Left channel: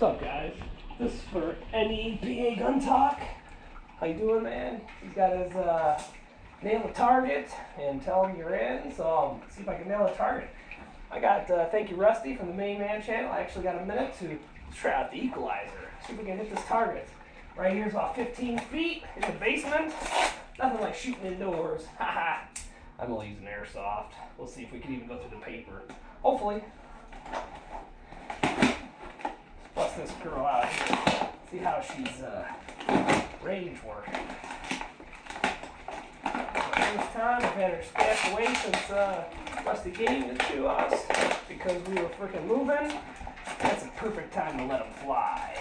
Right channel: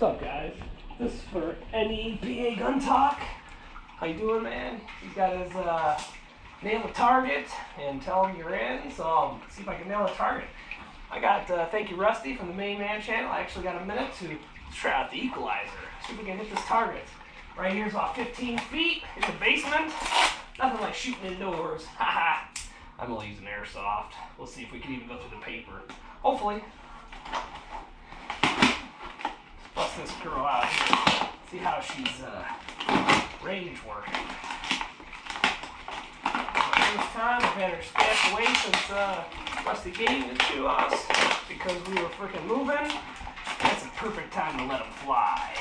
What's up, guys? This is for N.E.PA Guntalk. How you doing, man? He's got his nail a target and tell him you're in. So I'll see if I can nail a target. I got thank you, Rusty, from the Main Man channel. I actually got a minute to try out the equalizer. See if we can hit this target. Right here's about 15 feet in the basement. Nothing like shooting indoors. Haha. I'm only using airsoft. We'll see if we can even go through the paper. Hopefully. Let's bust this girl out here. See how she's range working. First time I've had her stashed away since Rusty gave it to us because we were freaking moving. That's a perfect time to let them fly.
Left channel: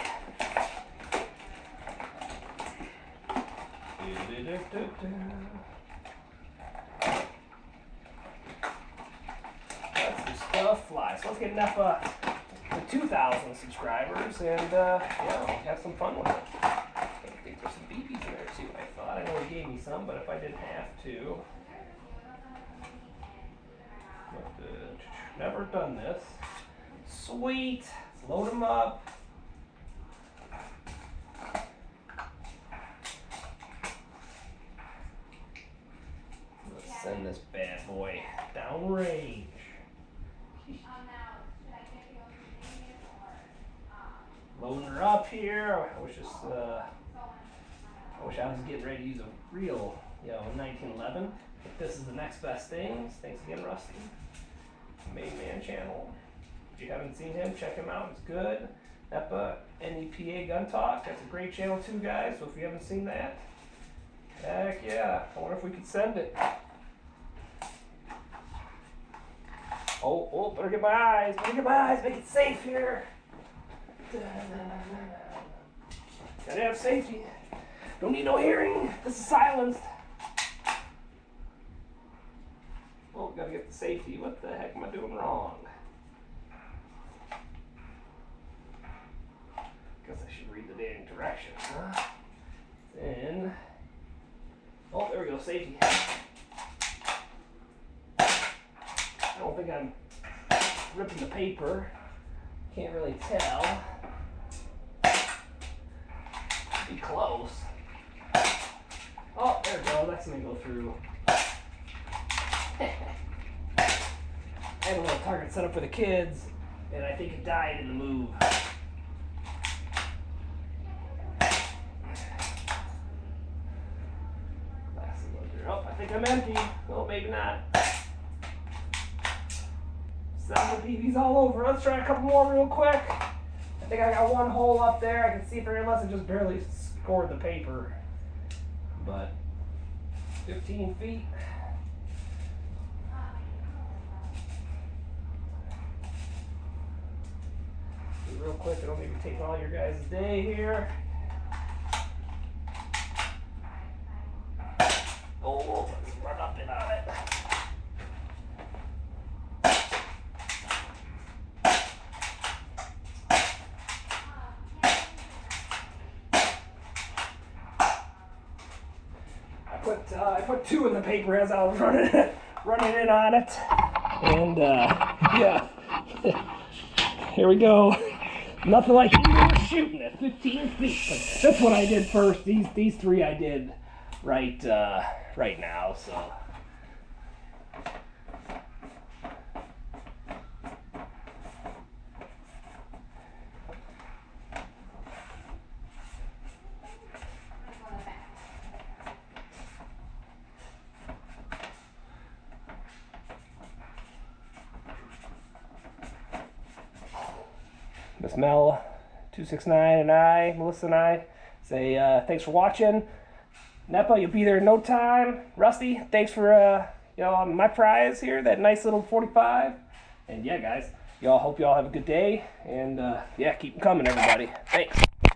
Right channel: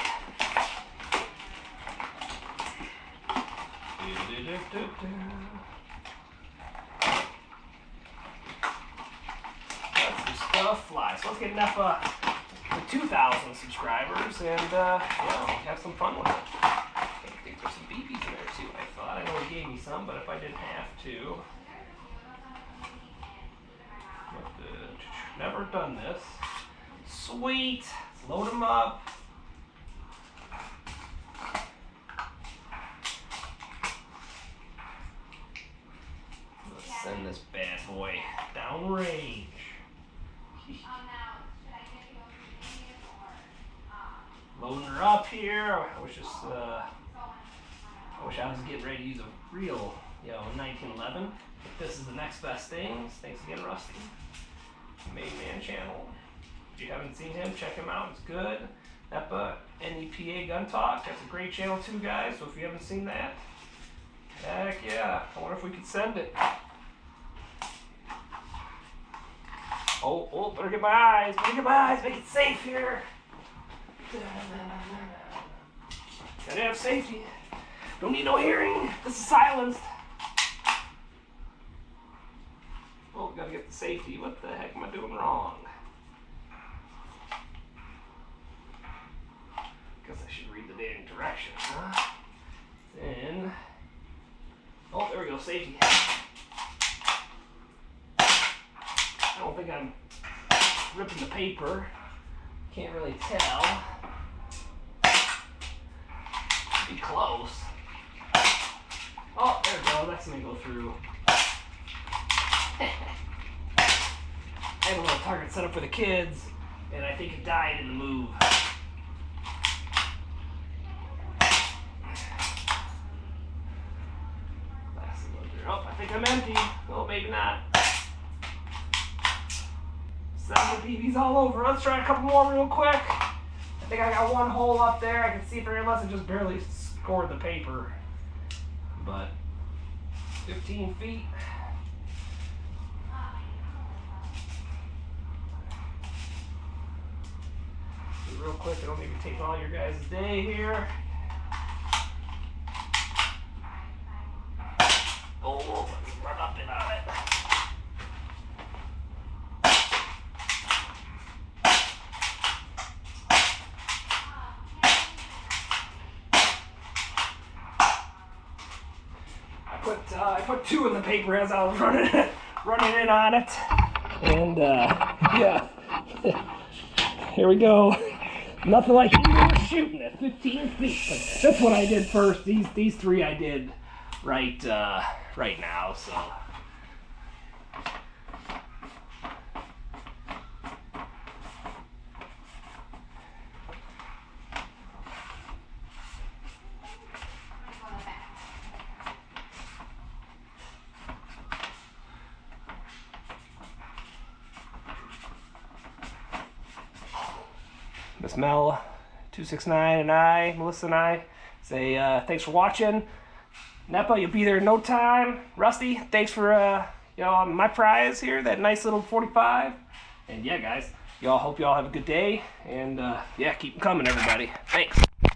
Let some stuff fly. So let's get N.E.PA to 2,000 subscribers and have some fun with it. I think there's some BBs in there too, I thought. I know he gave me some, but if I didn't have to. Never done this. Sweet. Let's load them up. Let's send this bad boy downrange. Loading her up here. I wish I was getting ready to use a real, 1911. But this is the next best thing. Thanks again, Rusty. Main Man channel. If you haven't seen him, check him out. It's good. N.E.PA Guntalk. That's a great channel too, guys. So if you haven't seen that, heck yeah. I wonder if we could send it. Oh, better get my eyes. Make it safe here. Gotta have safety. Don't need no hearing. This is silenced. Oh, gotta get the safety. What the heck am I doing wrong? Guess I should read the dang directions, huh? Then, oh, there we go, safety. I don't think I'm ripping the paper. Can't really tell. Be close. Oh, there we go. That's gonna go through. I had a little target set up for the kids, and I think it died in the move. Oh, I think I'm empty. Well, maybe not. 7 BBs all over. Let's try a couple more real quick. I think I got one hole up there. I can see for unless it just barely scored the paper. But 15 feet. Real quick, I don't need to take all your guys' day here. Oh, let's run up and on it. I put 2 in the paper as I was running in on it, and yeah, here we go. Nothing like indoor shooting at 15 feet. But that's what I did first. These 3 I did right now. So. Miss Mel 269 and Melissa and I say thanks for watching. N.E.PA, you'll be there in no time. Rusty, thanks for my prize here, that nice little 45. And yeah, guys, hope y'all have a good day. And yeah, keep them coming, everybody. Thanks.